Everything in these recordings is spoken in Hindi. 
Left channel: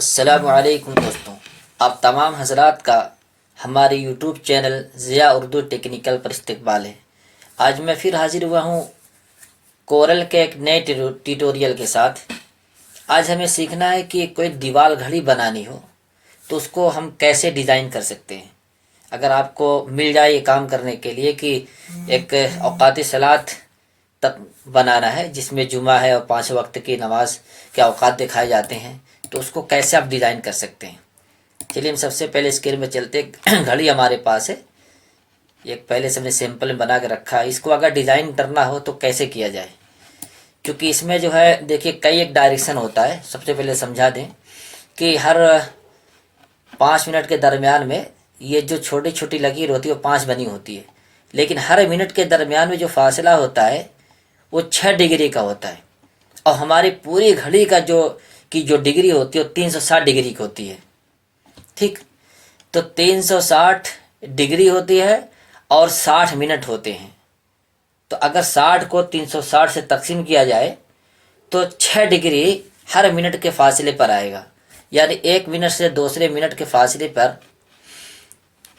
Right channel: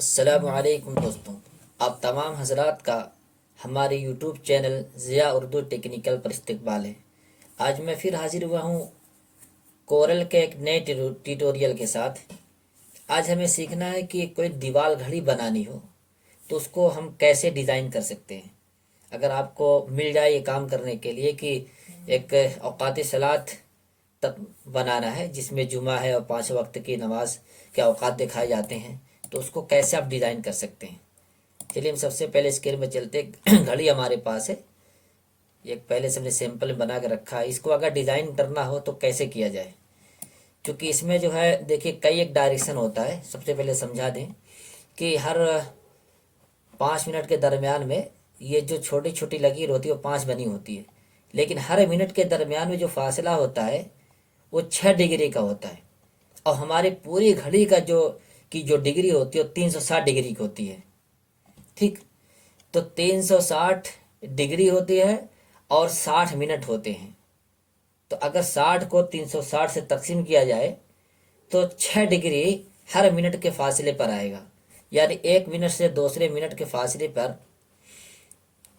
अस्सलामुअलैकुम दोस्तों, आप तमाम हजरात का हमारे YouTube channel Zia Urdu technical पर इस्तकबाल है। आज मैं फिर हाजिर हुआ हूँ कोरल के एक नए ट्यूटोरियल के साथ। आज हमें सीखना है कि कोई दीवार घड़ी बनानी हो तो उसको हम कैसे डिज़ाइन कर सकते हैं। अगर आपको मिल जाए ये काम करने के लिए कि एक औकात सलात तक बनाना है जिसमें जुमा है और 5 वक्त की नमाज के औकात दिखाए जाते हैं, तो उसको कैसे आप डिज़ाइन कर सकते हैं। चलिए हम सबसे पहले स्केल में चलते घड़ी हमारे पास है, एक पहले से हमने सैंपल में बना के रखा है। इसको अगर डिज़ाइन करना हो तो कैसे किया जाए, क्योंकि इसमें जो है देखिए कई एक डायरेक्शन होता है। सबसे पहले समझा दें कि हर 5 मिनट के दरमियान में ये जो छोटी छोटी लकीर होती है वो 5 बनी होती है, लेकिन हर मिनट के दरमियान में जो फासला होता है वो 6 डिग्री का होता है। और हमारी पूरी घड़ी का जो डिग्री होती है वो 360 डिग्री की होती है। ठीक, तो 360 डिग्री होती है और 60 मिनट होते हैं। तो अगर 60 को 360 से तकसीम किया जाए तो 6 डिग्री हर मिनट के फासले पर आएगा। यानी एक मिनट से दूसरे मिनट के फासले पर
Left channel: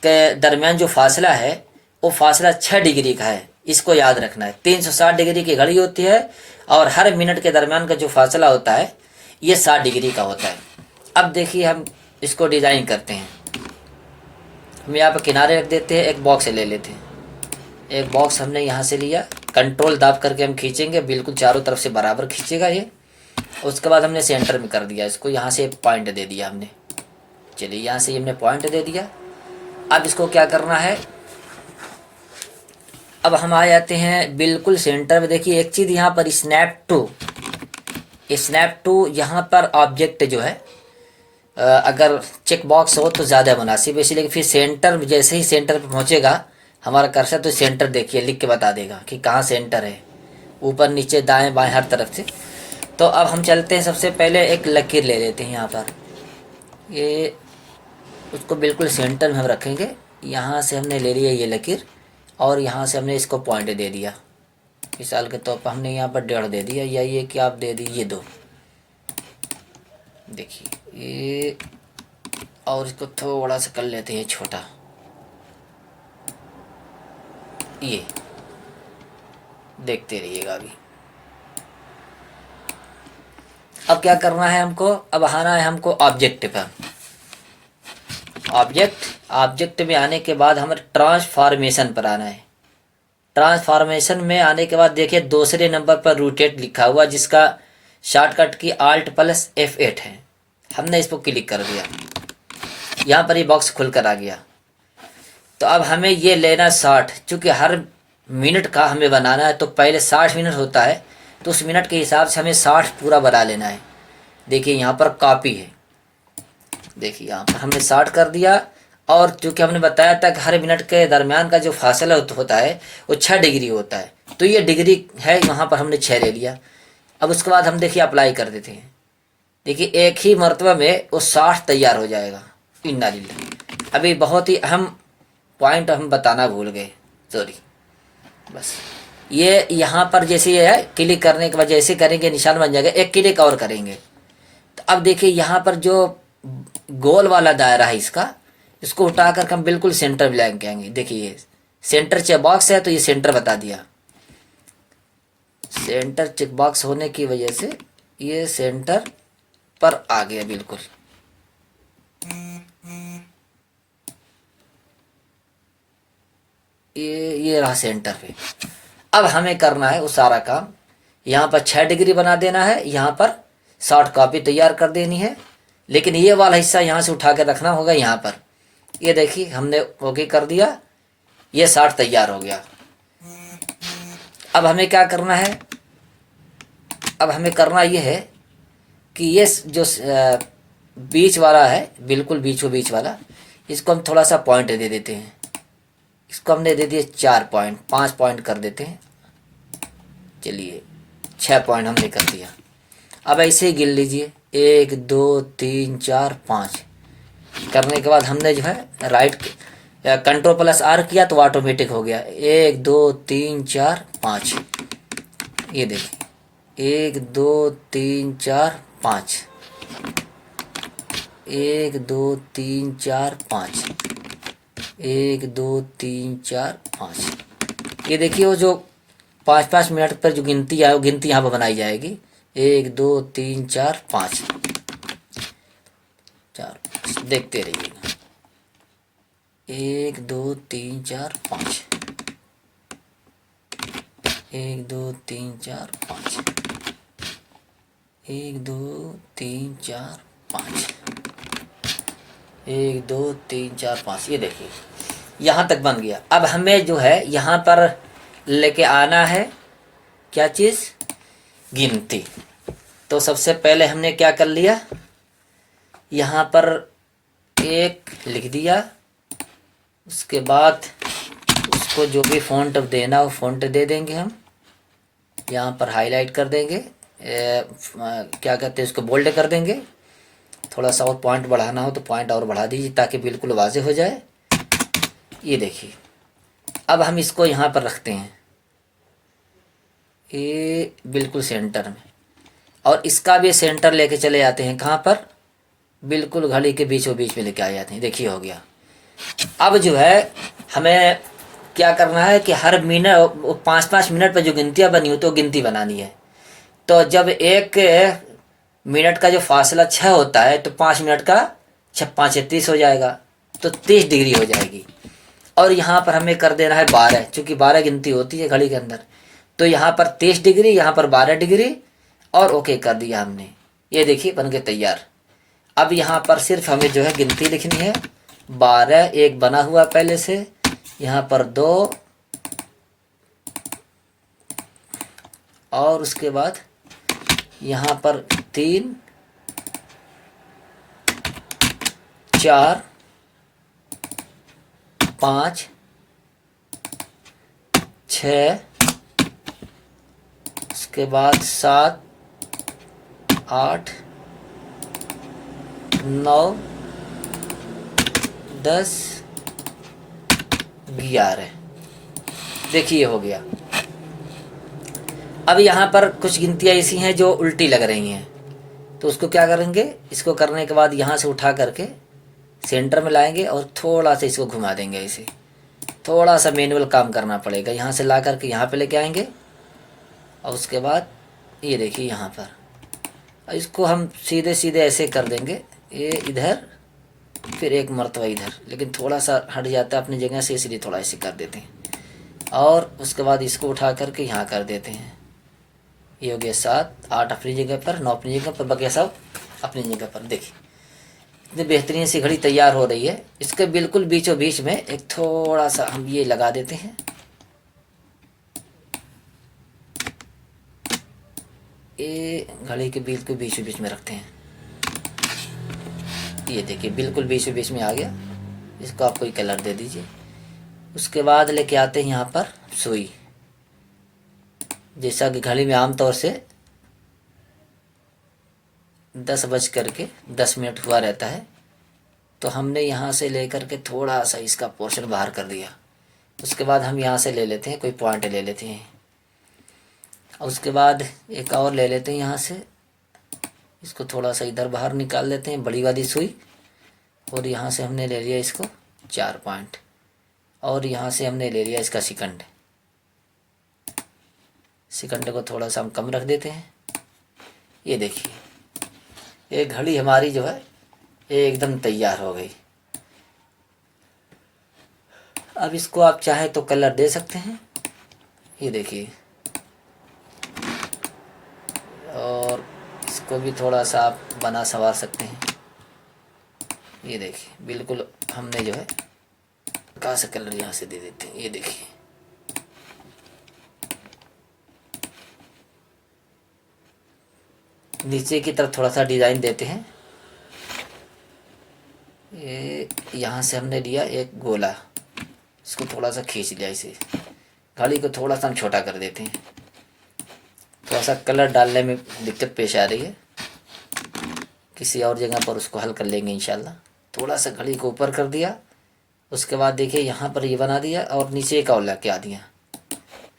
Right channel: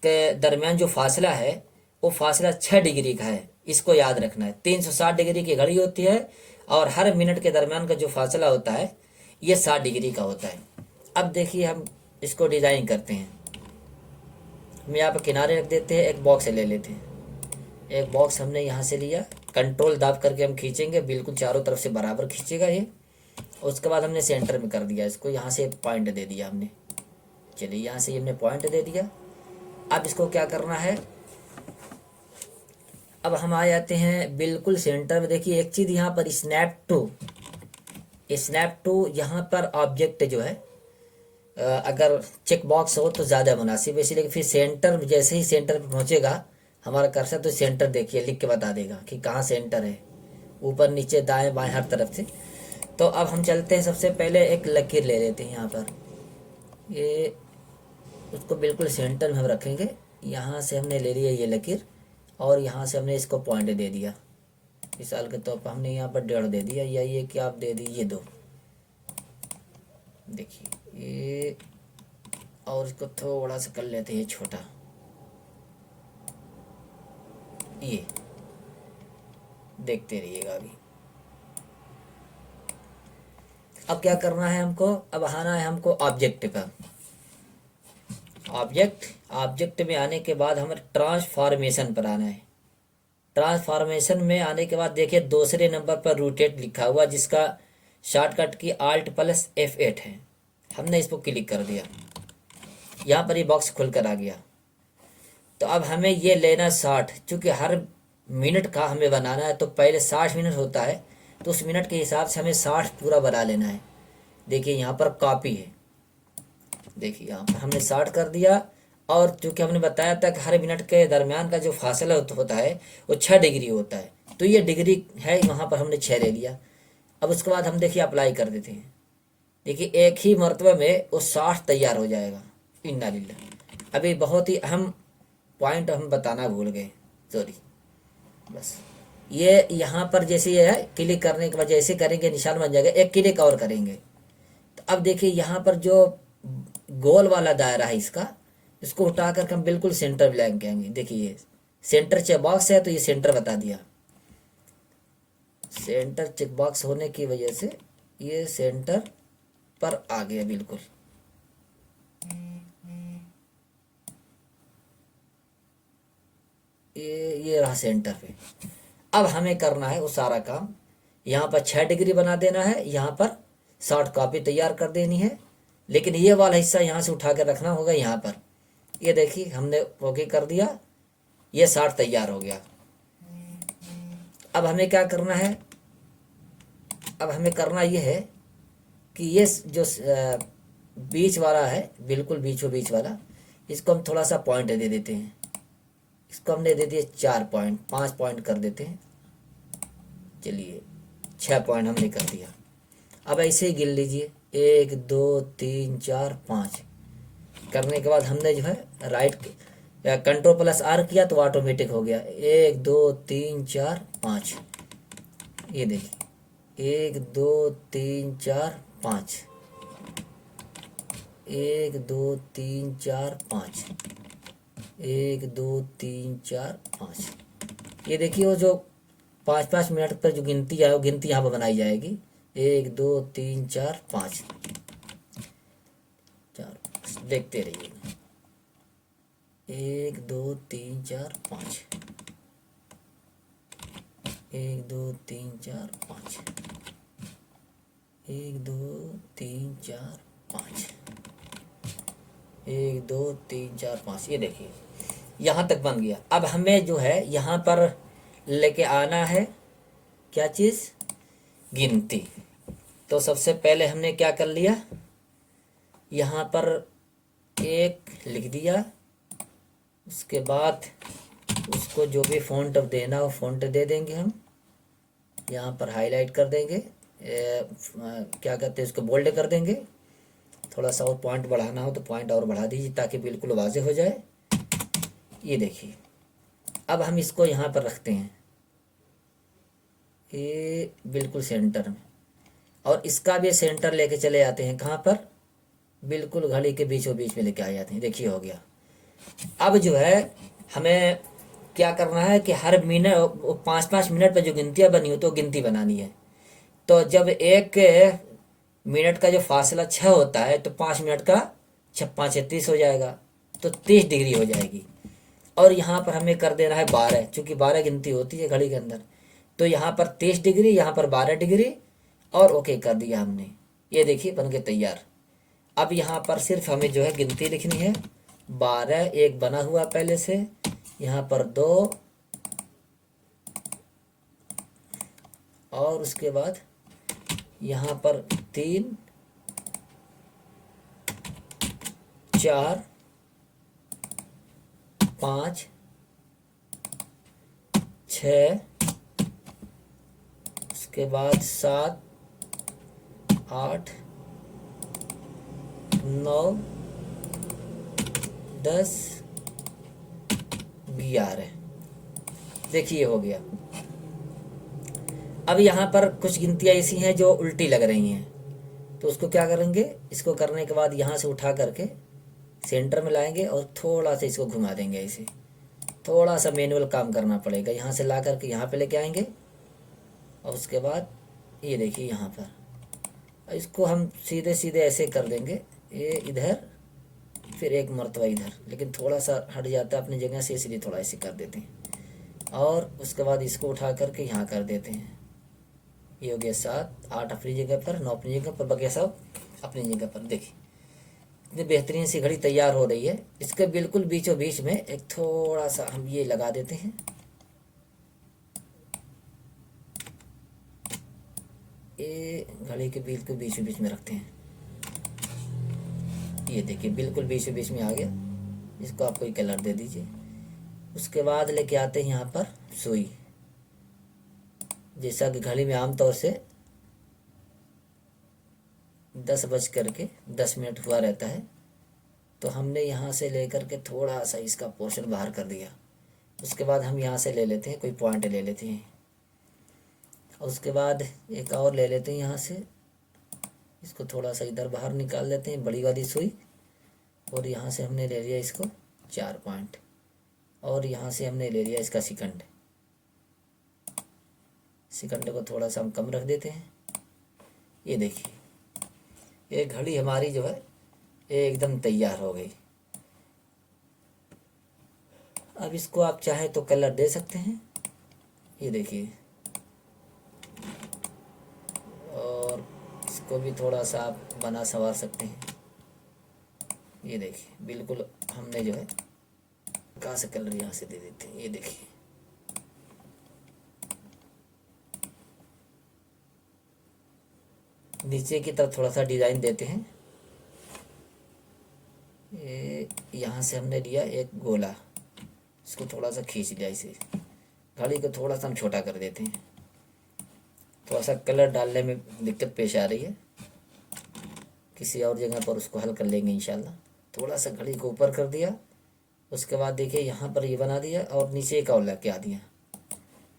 के दरमियान जो फासला है वो फासला 6 डिग्री का है। इसको याद रखना है। 360 डिग्री की घड़ी होती है और हर मिनट के दरमियान का जो फासला होता है ये 60 डिग्री का होता है। अब देखिए हम इसको डिज़ाइन करते हैं। हम यहाँ पर किनारे रख देते हैं, एक बॉक्स ले लेते हैं। एक बॉक्स हमने यहाँ से लिया, कंट्रोल दाब करके हम खींचेंगे, बिल्कुल चारों तरफ से बराबर खींचेगा ये। उसके बाद हमने सेंटर में कर दिया इसको, यहाँ से पॉइंट दे दिया हमने। चलिए यहाँ से हमने पॉइंट दे दिया। अब इसको क्या करना है, अब हम आ जाते हैं बिल्कुल सेंटर में। देखिए एक चीज़ यहाँ पर स्नैप टू यहाँ पर ऑब्जेक्ट जो है अगर चेक बॉक्स हो तो ज़्यादा मुनासिब है। इसीलिए फिर सेंटर, जैसे ही सेंटर पर पहुँचेगा हमारा कर्सर तो सेंटर देखिए लिख के बता देगा कि कहाँ सेंटर है, ऊपर नीचे दाएं बाएं हर तरफ से। तो अब हम चलते हैं, सबसे पहले एक लकीर ले लेते हैं यहाँ पर, ये उसको बिल्कुल सेंटर में हम रखेंगे। यहाँ से हमने ले लिया ये लकीर और यहाँ से हमने इसको पॉइंट दे दिया। मिसाल के तौर पर हमने यहाँ पर 1.5 दे दिया, या ये क्या आप दे दी, ये 2। देखिए ये, और इसको थोड़ा सा कर लेते हैं छोटा, ये देखते रहिएगा अभी। अब क्या करना है हमको, अब आना है हमको ऑब्जेक्ट पर। ऑब्जेक्ट में आने के बाद हमें ट्रांसफॉर्मेशन पर आना है। ट्रांसफॉर्मेशन में आने के बाद देखिए दूसरे नंबर पर रोटेट लिखा हुआ, जिसका शॉर्टकट की Alt+F8 है। हमने इसको क्लिक कर दिया, यहाँ पर ये बॉक्स खुल कर आ गया। तो अब हमें ये लेना 60, चूँकि हर मिनट का हमें बनाना है तो पहले 60 मिनट होता है, तो उस मिनट के हिसाब से हमें 60 पूरा बना लेना है। देखिए यहाँ पर कॉपी है, देखिए यहाँ पर हमने 60 कर दिया। और चूँकि हमने बताया था कि हर मिनट के दरमियान का जो फासला होता है वो 6 डिग्री होता है, तो ये डिग्री है, वहाँ पर हमने 6 ले लिया। अब उसके बाद हम देखिए अप्लाई कर देते हैं। देखिए एक ही मरतबा में वो 60 तैयार हो जाएगा। इन्ना लिल्लाह। अभी बहुत ही अहम पॉइंट हम बताना भूल गए, सॉरी। बस ये यहाँ पर जैसे ये है, क्लिक करने के बाद जैसे करेंगे निशान बन जाएगा, एक क्लिक और करेंगे तो अब देखिए यहाँ पर जो गोल वाला दायरा है इसको उठा कर हम बिल्कुल सेंटर में लेके आएंगे। देखिए ये सेंटर चेक बॉक्स है तो ये सेंटर बता दिया। सेंटर चेक बॉक्स होने की वजह से ये सेंटर पर आ गया बिल्कुल। ये रहा सेंटर पे। अब हमें करना है वो सारा काम, यहाँ पर 6 डिग्री बना देना है, यहाँ पर शॉर्ट कॉपी तैयार कर देनी है, लेकिन ये वाला हिस्सा यहाँ से उठा कर रखना होगा यहाँ पर। ये देखिए हमने ओके कर दिया, ये 60 तैयार हो गया। अब हमें क्या करना है, अब हमें करना ये है कि ये जो बीच वाला है, बिल्कुल बीच वाला, इसको हम थोड़ा सा पॉइंट दे देते हैं। इसको हमने दे दिए 4 पॉइंट, 5 पॉइंट कर देते हैं। चलिए 6 पॉइंट हमने कर दिया। अब ऐसे ही गिन लीजिए, 1 2 3 4 5 करने के बाद हमने जो है राइट Ctrl+R किया तो ऑटोमेटिक हो गया। 1 2 3 4 5, ये देखिए 1 2 3 4 5। 1 2 3 4 5, 1 2 3 4 5। ये देखिए वो जो 5-5 मिनट पर जो गिनती है वो गिनती यहाँ पर बनाई जाएगी। 1 2 3 4 5, 4 देखते रहिएगा। 1 2 3 4 5, 1 2 3 4 5, 1 2 3 4 5, 1 2 3 4 5। ये देखिए यहाँ तक बन गया। अब हमें जो है यहाँ पर लेके आना है क्या चीज़, गिनती। तो सबसे पहले हमने क्या कर लिया, यहाँ पर 1 लिख दिया। उसके बाद उसको जो भी फ़ॉन्ट अब देना वो फ़ॉन्ट दे देंगे हम। यहाँ पर हाईलाइट कर देंगे, क्या कहते हैं उसको, बोल्ड कर देंगे। थोड़ा सा और पॉइंट बढ़ाना हो तो पॉइंट और बढ़ा दीजिए ताकि बिल्कुल वाज़ेह हो जाए। ये देखिए अब हम इसको यहाँ पर रखते हैं, ये बिल्कुल सेंटर में, और इसका भी सेंटर लेके चले जाते हैं कहाँ पर, बिल्कुल घड़ी के बीचों बीच में लेके आ जाते हैं। देखिए हो गया। अब जो है हमें क्या करना है कि हर मिनट 5-5 मिनट पर जो गिनतियाँ बनी हो तो गिनती बनानी है। तो जब 1 मिनट का जो फासला 6 होता है तो 5 मिनट का 6×5=30 हो जाएगा, तो 30 डिग्री हो जाएगी। और यहाँ पर हमें कर देना है 12, चूँकि 12 गिनती होती है घड़ी के अंदर। तो यहाँ पर 30 डिग्री, यहाँ पर 12 डिग्री, और ओके कर दिया हमने। ये देखिए बन के तैयार। अब यहाँ पर सिर्फ हमें जो है गिनती लिखनी है। 12 एक बना हुआ पहले से, यहाँ पर 2, और उसके बाद यहाँ पर 3 4 5 6, उसके बाद 7 8 9 10 11। देखिए हो गया। अब यहाँ पर कुछ गिनतियाँ ऐसी हैं जो उल्टी लग रही हैं, तो उसको क्या करेंगे, इसको करने के बाद यहाँ से उठा करके सेंटर में लाएंगे और थोड़ा सा इसको घुमा देंगे। इसे थोड़ा सा मैनुअल काम करना पड़ेगा। यहाँ से ला करके यहाँ पे लेके आएंगे, और उसके बाद ये देखिए यहाँ पर इसको हम सीधे सीधे ऐसे कर देंगे, ये इधर फिर एक मरतबा इधर, लेकिन थोड़ा सा हट जाता है अपनी जगह से, इसलिए थोड़ा ऐसे कर देते हैं। और उसके बाद इसको उठा करके यहाँ कर देते हैं। ये हो गया 7 8 अपनी जगह पर, 9 अपनी जगह पर, बकिया सब अपनी जगह पर। देखिए इतनी बेहतरीन सी घड़ी तैयार हो रही है। इसके बिल्कुल बीचों बीच में एक थोड़ा सा हम ये लगा देते हैं, ये घड़ी के बिल्कुल बीचों बीच में रखते हैं। ये देखिए बिल्कुल बीचों बीच में आ गया। इसको आप कोई कलर दे दीजिए। उसके बाद लेके आते हैं यहाँ पर सुई। जैसा कि घड़ी में आमतौर से 10:10 हुआ रहता है, तो हमने यहाँ से लेकर के थोड़ा सा इसका पोर्शन बाहर कर दिया। उसके बाद हम यहाँ से ले लेते हैं, कोई पॉइंट ले लेते हैं, और उसके बाद एक और ले लेते हैं यहाँ से। इसको थोड़ा सा इधर बाहर निकाल लेते हैं, बड़ी वाली सुई, और यहाँ से हमने ले लिया इसको 4 पॉइंट, और यहाँ से हमने ले लिया इसका सेकंड को थोड़ा सा हम कम रख देते हैं। ये देखिए ये घड़ी हमारी जो है एकदम तैयार हो गई। अब इसको आप चाहे तो कलर दे सकते हैं, ये देखिए, और इसको भी थोड़ा सा आप बना संवार सकते हैं। ये देखिए बिल्कुल हमने जो है कहाँ से कलर यहाँ से दे देते हैं। ये देखिए नीचे की तरफ थोड़ा सा डिज़ाइन देते हैं। ये यहाँ से हमने लिया एक गोला, इसको थोड़ा सा खींच लिया, इसे घड़ी को थोड़ा सा हम छोटा कर देते हैं। थोड़ा सा कलर डालने में दिक्कत पेश आ रही है, किसी और जगह पर उसको हल कर लेंगे इंशाल्लाह। थोड़ा सा घड़ी को ऊपर कर दिया। उसके बाद देखिए यहाँ पर ये बना दिया, और नीचे एक और लग के आ दिया।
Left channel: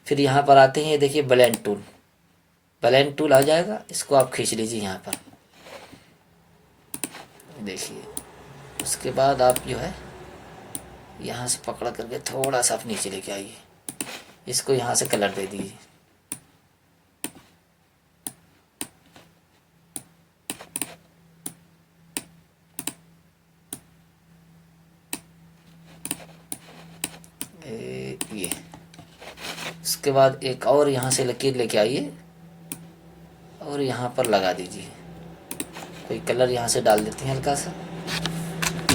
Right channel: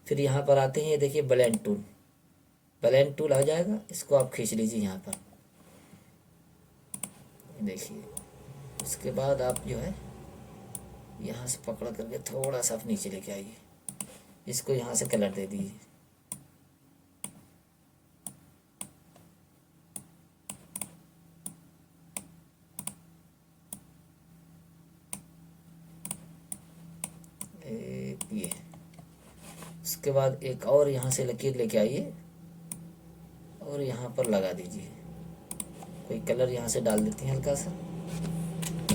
फिर यहाँ पर आते हैं, ये देखिए ब्लेंड टूल आ जाएगा, इसको आप खींच लीजिए यहाँ पर, देखिए। उसके बाद आप जो है यहाँ से पकड़ करके थोड़ा सा आप नीचे लेके आइए, इसको यहाँ से कलर दे दीजिए। ये उसके बाद एक और यहाँ से लकीर लेके आइए और यहाँ पर लगा दीजिए। कोई कलर यहाँ से डाल देते हैं हल्का सा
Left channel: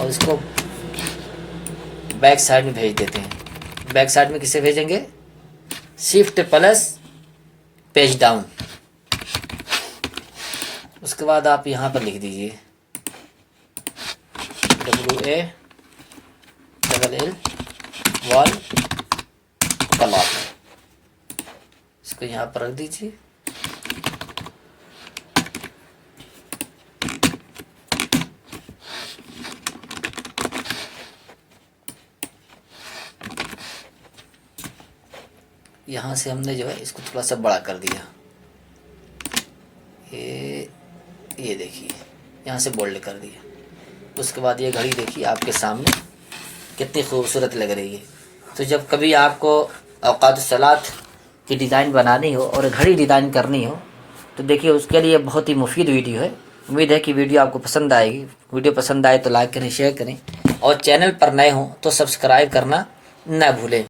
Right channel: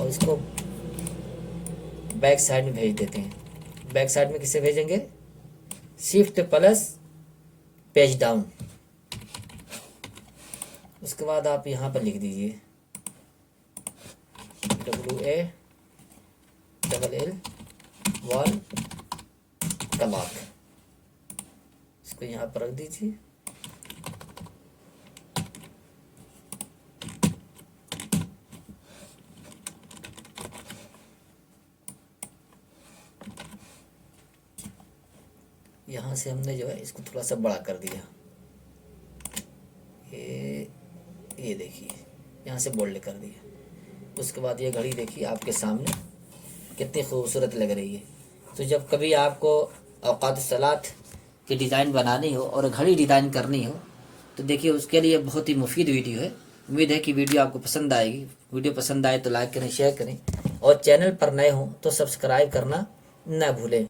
और इसको बैक साइड में भेज देते हैं। बैक साइड में किसे भेजेंगे? Shift plus page down. उसके बाद आप यहाँ पर लिख दीजिए WALL वॉल कलर। इसको यहाँ पर रख दीजिए। यहाँ से हमने जो है इसको थोड़ा सा बड़ा कर दिया। ये देखिए यहाँ से बोल्ड कर दिया। उसके बाद ये घड़ी देखिए आपके सामने कितनी खूबसूरत लग रही है। तो जब कभी आपको औकात सलात की डिज़ाइन बनानी हो और घड़ी डिज़ाइन करनी हो तो देखिए उसके लिए बहुत ही मुफीद वीडियो है। उम्मीद है कि वीडियो आपको पसंद आएगी। वीडियो पसंद आए तो लाइक करें, शेयर करें और चैनल पर नए हों तो सब्सक्राइब करना न भूलें।